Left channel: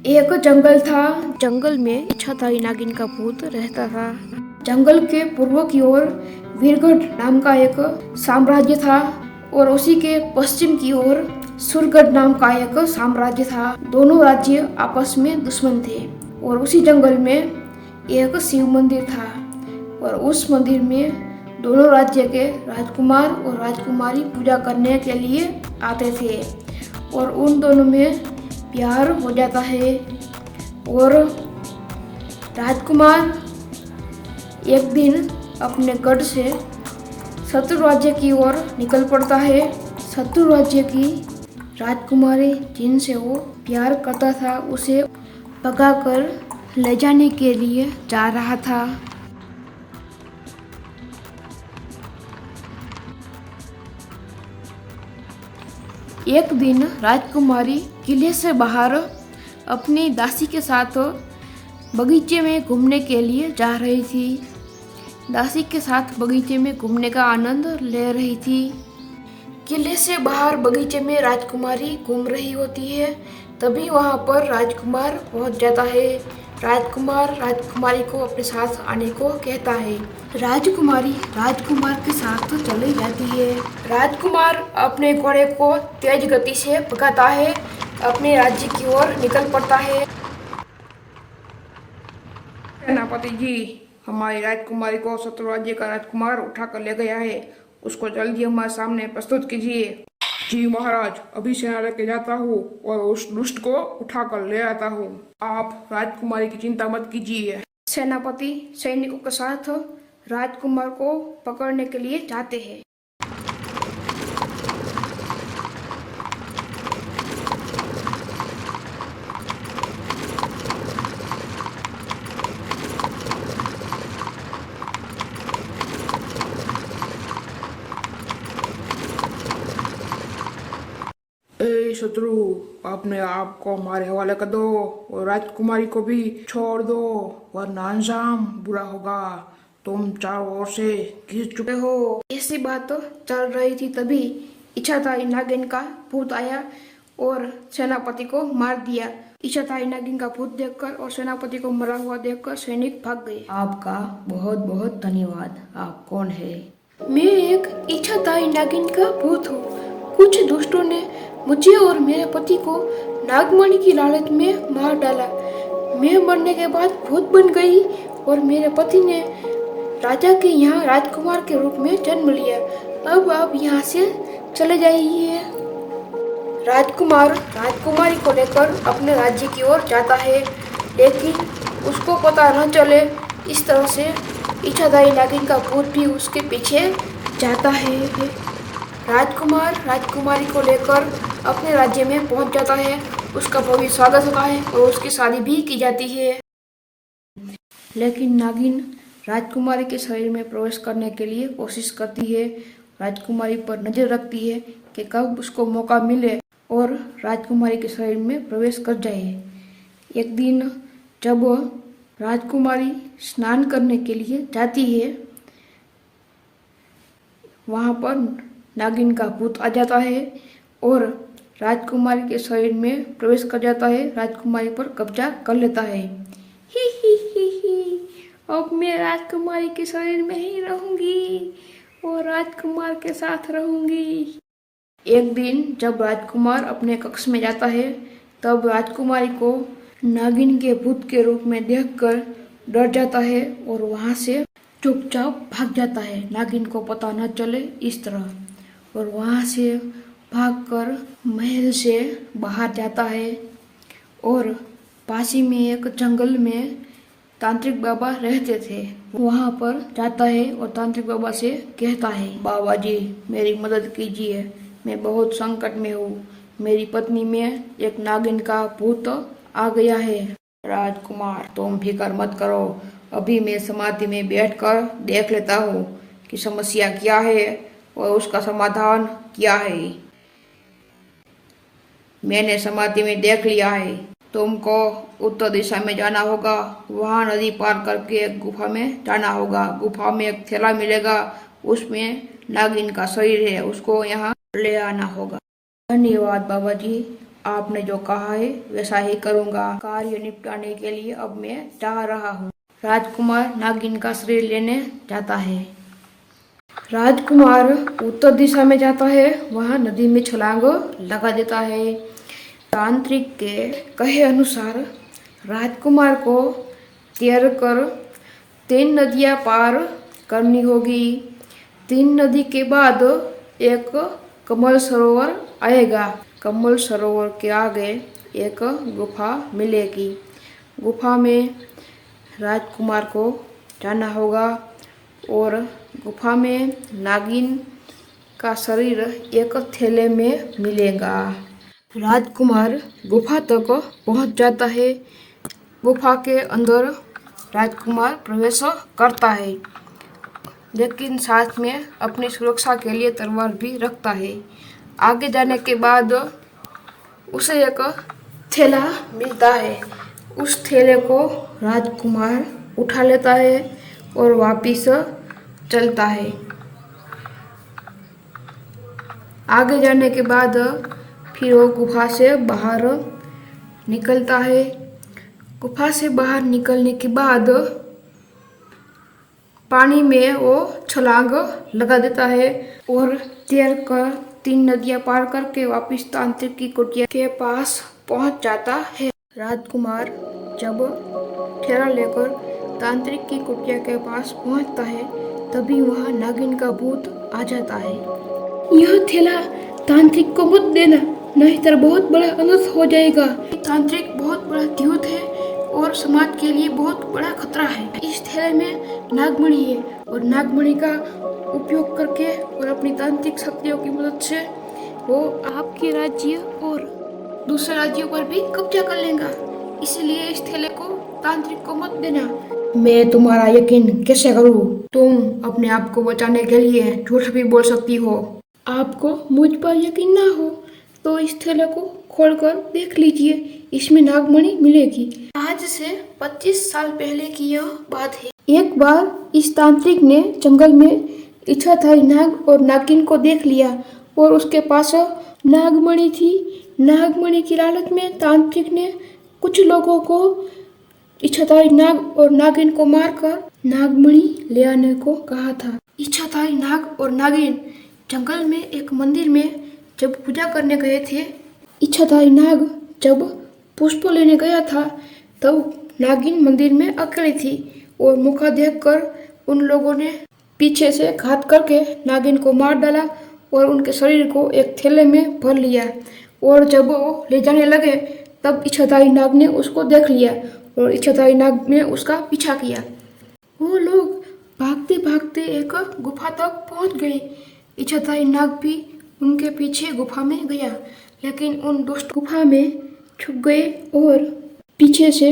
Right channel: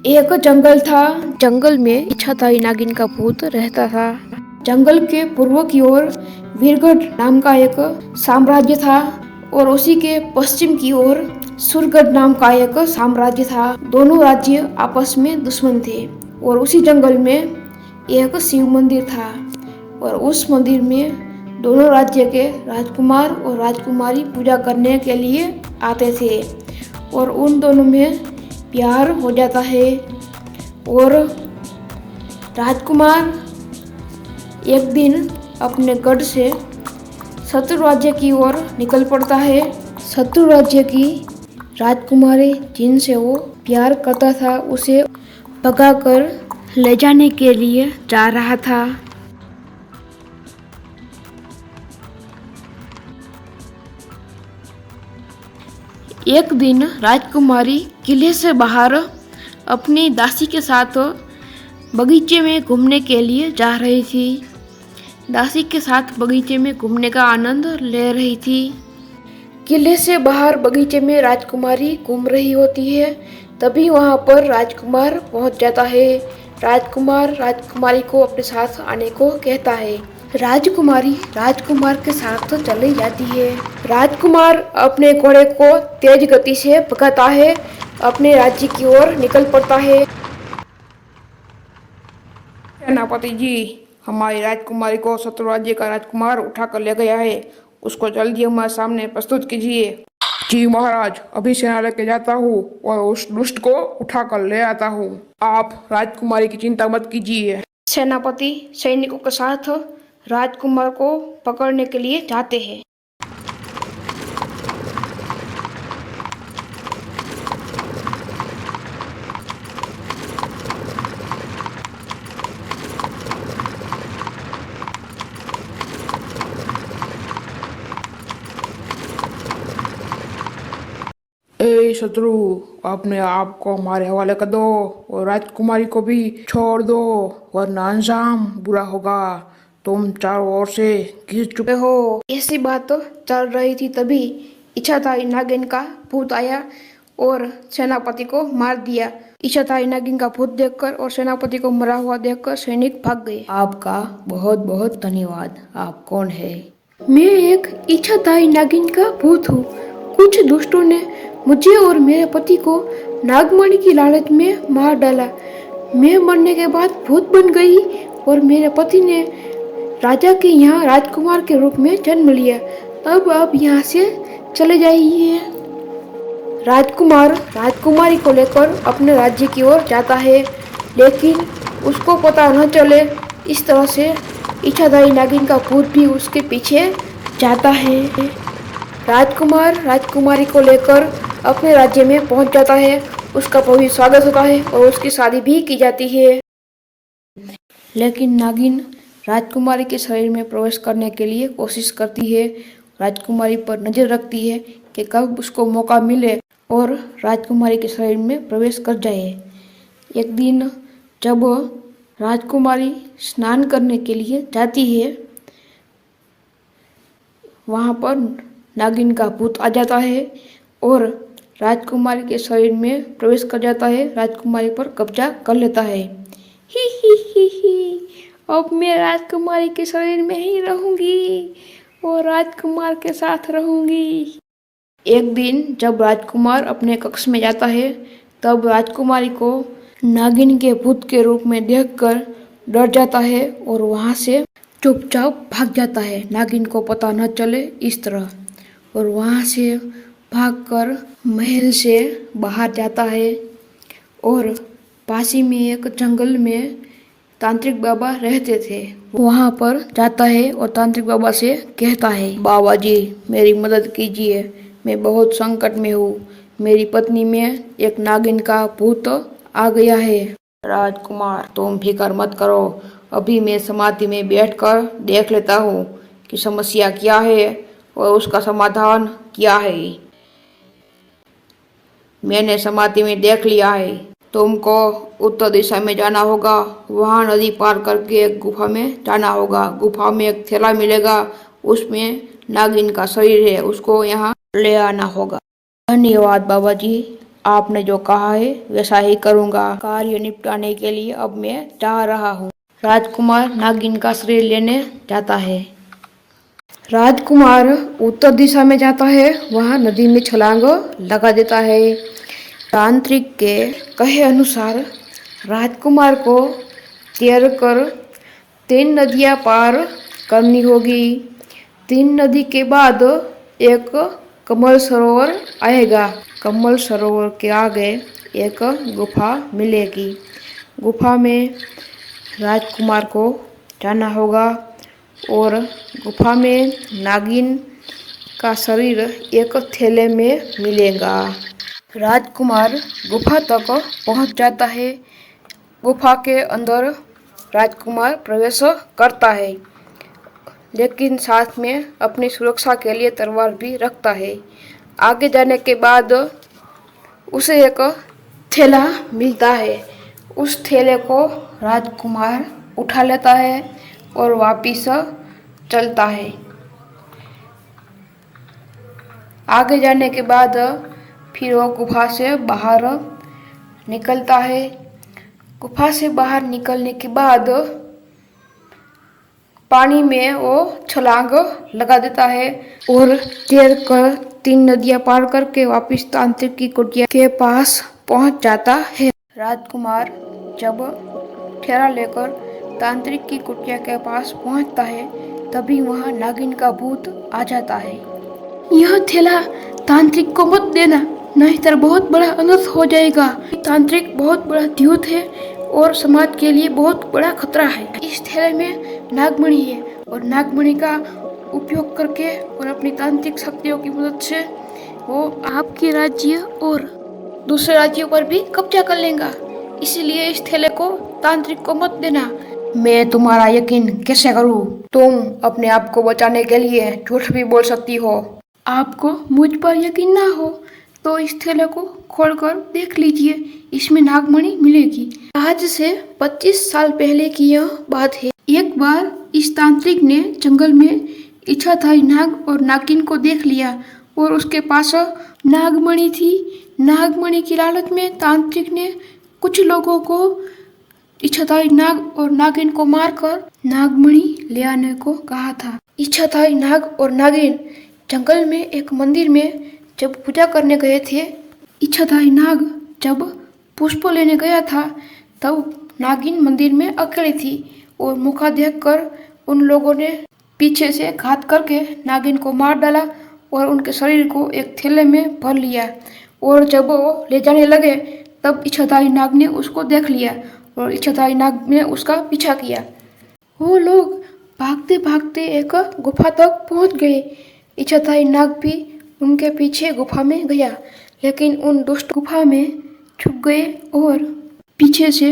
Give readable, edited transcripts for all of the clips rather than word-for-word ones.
एक जंगल था। जंगल में इच्छाधारी नागिन का भूत रहता था। जंगल के पूर्व की ओर वीरगढ़ नाम का एक साम्राज्य था और उसी के पश्चिम की ओर सुरगढ़ नाम का एक साम्राज्य था। दोनों राज्य आपस में दुश्मन थे और उसी जंगल में एक शिव मंदिर था और उस मंदिर में दोनों राज्य के राजकुमार और राजकुमारी पूजा करने के लिए आते थे और उन दोनों में प्यार हो जाता है और राजकुमार एक दिन अपने गढ़ से शत्रु राज्य की ओर निकल पड़ता है। शत्रु राज्य की राजकुमारी जिनसे वो प्यार करता था उसे भगाकर ले जाने के लिए जा रहा था। एक दिन राजकुमारी किले से बाहर अपनी दासी के साथ बगीचे में घूमने के लिए जा रही थी। दासी के साथ बगीचे में घूमने का आनंद ले रही थी। किले से बाहर बगीचे में राजकुमारी घूम रही होती है। तभी वहां पर राजकुमार पहुंच जाता है। राजकुमार राजकुमारी को अपने साथ आने को कहता है। राजकुमारी राजकुमार के साथ चली जाती है। राजकुमार अपने घोड़े को तेज गति से भगाता है, अपने राज्य की ओर निकल पड़ता है। सेनापति जी, हमारी राजकुमारी को शत्रु राज्य का राजकुमार उठा कर ले गया है। उसको जल्दी हमारे सामने प्रस्तुत कीजिए। जी महाराज, अभी सेना लेके जाता हूँ और उस दुष्ट को उठा कर ले आता हूँ। आप राजकुमारी की चिंता मत कीजिए। सेनापति सैनिकों के साथ राजकुमार को पकड़ने के लिए जाते हैं। ए शत्रु, अपने आप को हमारे हवाले कर दो और राजकुमारी को भी छोड़ दो, वरना अंजाम बुरा होगा। तुम चारों ओर से घिर चुके हो। ऐसी बात तो चल रही थी तभी इच्छाधारी नागिन का भूत आया और सेनापति को मार दिया। इच्छाधारी नागिन का भूत देखकर और सेनापति को मरा हुआ देखकर सैनिक भाग गए। आपका बहुत बहुत धन्यवाद। आप कौन है? मैं एक इच्छाधारी नागिन का भूत हूँ। कुछ दुष्टों ने मुझे और मेरे पति को नागमणि की लालच में मार डाला। मैं मरने के बाद भूत बन गई और मेरे पति ने राजा के यहाँ राजकुमार के रूप में जन्म लिया। अब आप यहाँ से चले जाइए। राजकुमार राजकुमारी को लेकर अपने राज्य की ओर जाता है, लेकिन उसको पता न चले इस तरह से इच्छाधारी नागिन का भूत भी उसके पीछे जाता है। राजकुमार राजकुमारी को लेकर अपने राज्य में पहुंच जाता है। उसका भव्य स्वागत होता है और उसकी शादी भी की जाती है। लेकिन नागिन राजकुमारी के शरीर में प्रवेश करने के लिए कोशिश करती है। राजकुमारी पर नजर रखती है कि कब उसको मौका मिले और राजकुमारी के शरीर में प्रवेश कर जाए। एक दिन जब राजकुमारी स्नान करने के लिए जाती है, वहाँ पर नागिन का भूत आ जाता है और राजकुमारी के शरीर में प्रवेश कर जाता है, राजकुमारी पर कब्जा कर लेता है। ही, अब मैं राजकुमारी के शरीर में ही रहूंगी और राजकुमार के साथ रहूंगी। एक दिन जब राजकुमार अपने कक्ष में जाता है, तब राजकुमारी को नागिन के भूत के रूप में देखकर डर जाता है और वहां से चुपचाप भाग जाता है, नागिन को पता न चले इस तरह। और वहां से भागकर महल से बाहर जाता है और पास ही में एक जंगल में तांत्रिक बाबा रहते थे, वहां पर जाता है और तांत्रिक बाबा से कहता है, बाबा जी मेरी मदद कीजिए, मैं बहुत संकट में हूँ। मेरी पत्नी में एक नागिन का भूत आ गया है। राजकुमार तुम फिक्र मत करो, अभी मैं समाधि में बैठकर देख लेता हूँ कि समस्या क्या है और उसका समाधान क्या है। मैंने समाधि में देख लिया है। तुमको उत्तर दिशा में जाना होगा, वहां नदी पार करके एक गुफा में जाना होगा। गुफा में एक थैला मिलेगा, उसमें नागिन का शरीर है, उसको यहाँ ले आना होगा। धन्यवाद बाबा जी, आपने जो कहा है वैसा ही करूँगा। कार्य निपटाने के लिए अब मैं जा रहा हूँ। राजकुमार नागिन का शरीर लेने जाता है। राजकुमार उत्तर दिशा में जाता है, वहाँ नदी में छलांग लगा देता है। तांत्रिक के कहे अनुसार राजकुमार को तैरकर 3 नदियाँ पार करनी होगी। 3 नदी के बाद एक कमल सरोवर आएगा। कमल सरोवर के आगे एक गुफा मिलेगी। गुफा में राजकुमार को जाना होगा और गुफा में नागिन का शरीर एक थैले में मिलेगा। राजकुमार गुफा तक पहुंच जाता है। गुफा के अंदर राजकुमार प्रवेश करता है, लेकिन साथ में अपनी सुरक्षा के लिए तलवार भी रखता है। आगे जाने के बाद उसे एक थैला मिलता है। उस थैले को राजकुमार उठा लेता है और वापिस चलता है। आगे जाने के बाद फिर वो गुफा से बाहर निकलता है। गुफा से बाहर निकलने के बाद पानी में वो छलांग लगा देता है और तैरकर 3 नदियाँ पार करके वापस तांत्रिक की कुटिया के पास पहुंच जाता है। राजकुमार जब थैला लेकर तांत्रिक की कुटिया के पास पहुंचता है, तभी वहां नागिन का भूत आ जाता है। यह थैला तांत्रिक को मत देना, नहीं तो बहुत बड़ा अनर्थ हो जाएगा। तांत्रिक बहुत बड़ा द्यूत है और समाज के लिए बहुत बड़ा खतरा है। इस थैले में नागमणि है और नागमणि का उपयोग करके और अपनी तांत्रिक शक्तियों की मदद से वो आपके राज्य और दूसरे राज्यों पर भी कब्जा कर लेगा। इसीलिए इस थैले को तांत्रिक को मत देना। मैं तुम्हारा यकीन कैसे करूँ? तुम अपने आप को बचाने के लिए झूठ भी बोल सकती हो। आपको मुझ पर यकीन ना हो तो इस थैले को खोलकर देख लीजिए, इसमें नागमणि मिलेगी। आज से 25 साल पहले की यह बात है। एक बार इस तांत्रिक ने जंगल में इच्छाधारी नाग और नागिन को देख लिया और उसके पास नागमणि थी। नागमणि की लालच में तांत्रिक ने कुछ लोगों को इच्छाधारी नाग और नागिन को मारकर नागमणि ले आने को कहा था। इच्छाधारी नाग और नागिन जंगल में एक मंदिर में जब पूजा करने गए थे, इच्छाधारी नाग जब पुष्प लेने गया था, तब नागिन मंदिर में अकेली थी और मौका देखकर उन लोगों ने पीछे से घात करके नागिन को मार डाला और उनके शरीर को एक थैले में भर लिया। और जब वो ले जाने लगे, तब इच्छाधारी नाग ने उसको देख लिया और इच्छाधारी नाग ने उसका पीछा किया। वो लोग भागते भागते एक गुफा तक पहुंच गए। इच्छाधारी नाग भी उनके पीछे गुफा में गया, लेकिन उन दुष्ट गुफा में छुप गए और पीछे से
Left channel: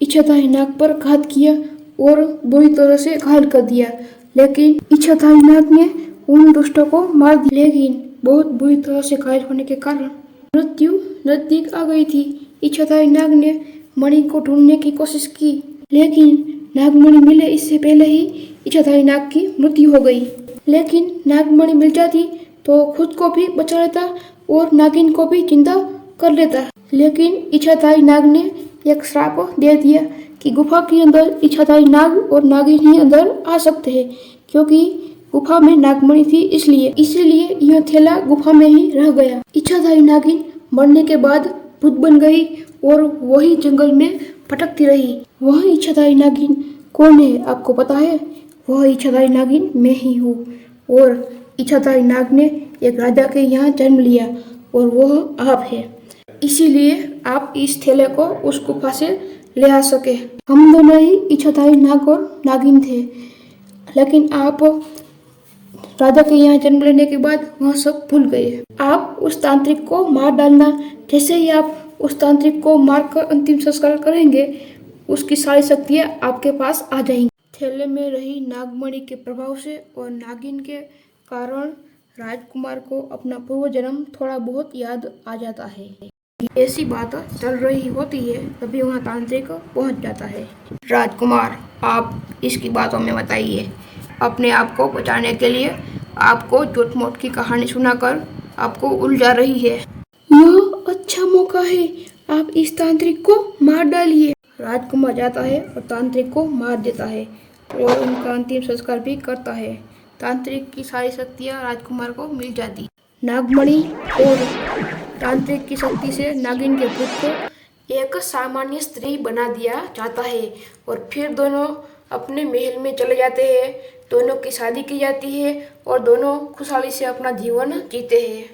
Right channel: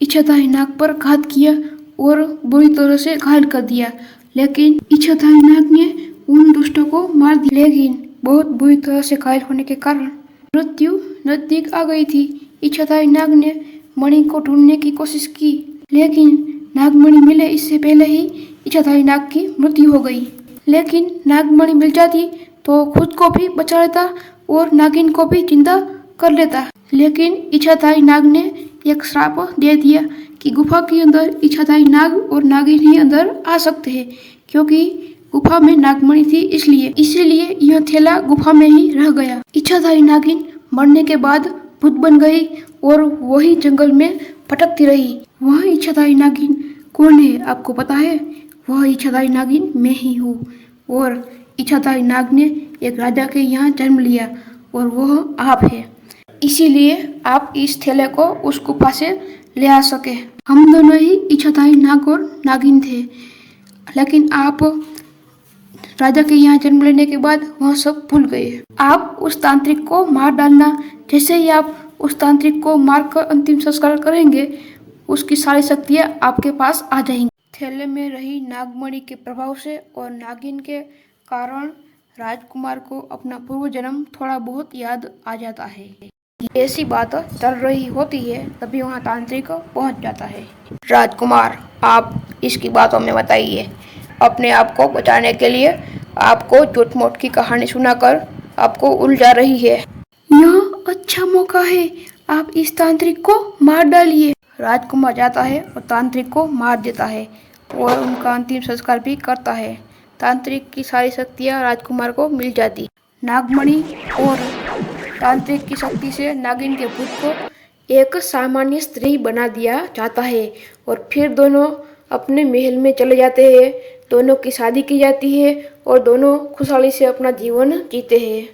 इच्छाधारी नाग पर घात किया और बुरी तरह से घायल कर दिया। लेकिन इच्छाधारी नाग ने उन दुष्टों को मार दिया, लेकिन बहुत बुरी तरह से घायल होने के कारण मृत्यु नजदीक आ गई थी। इच्छाधारी नाग ने मणि को ढूंढने की कोशिश की, लेकिन नागमणि मिले इससे पहले ही इच्छाधारी नाग की मृत्यु हो गई। लेकिन नागमणि मिल जाती तो खुद को भी बचा लेता और नागिन को भी जिंदा कर लेता। लेकिन इच्छाधारी नाग ने एक श्राप दे दिया कि गुफा के अंदर इच्छाधारी नाग और नागिन ही अंदर आ सकते हैं, क्योंकि गुफा में नागमणि थी। इसीलिए यह थैला गुफा में ही रह गया। इच्छाधारी नागिन मरने के बाद भूत बन गई और वही जंगल में भटकती रही। वह इच्छाधारी नागिन कौन है आपको पता है? वह इच्छाधारी नागिन मैं ही हूँ। और इच्छाधारी नाग ने एक राजा के यहाँ जन्म लिया और वह आप है। इसीलिए आप इस थैले को उस गुफा से ले आ सके। हम दोनों ही इच्छाधारी नाग और नागिन थे, लेकिन आप राजा के यहाँ जन्म लेने के बाद वह सब भूल गए। आप उस तांत्रिक को मार डालना। जैसे ही आप उस तांत्रिक को मारकर अंतिम संस्कार करेंगे, उसकी सारी शक्तियाँ आपके पास आ जाएंगी। थैले में रही नागमणि के प्रभाव से और नागिन के कारण राजकुमार को अपना पूर्व जन्म थोड़ा बहुत याद आ जाता है। ऐसी बात चल रही होती है, तभी वहाँ तांत्रिक पहुँच जाता है। राजकुमार, आप इसकी बातों में बताइए। अपने आप को बचाने के लिए आपको झूठ मूठ की कहानी सुनाकर आपको उलझा रही है। यह अच्छा मौका है, आप इस तांत्रिक को मार डालिए। राजकुमार जाता है और तांत्रिक को मार देता है और उनका अंतिम संस्कार भी करता है। तांत्रिक की सारी शक्तियाँ राजकुमार को मिल जाती। नागमणि और तांत्रिक की शक्ति से नागिन के भूत को एक सामान्य स्त्री बना दिया जाता है और फिर दोनों अपने महल में चले जाते हैं। दोनों की शादी की जाती है और दोनों खुशहाली से अपना जीवन जीते हैं।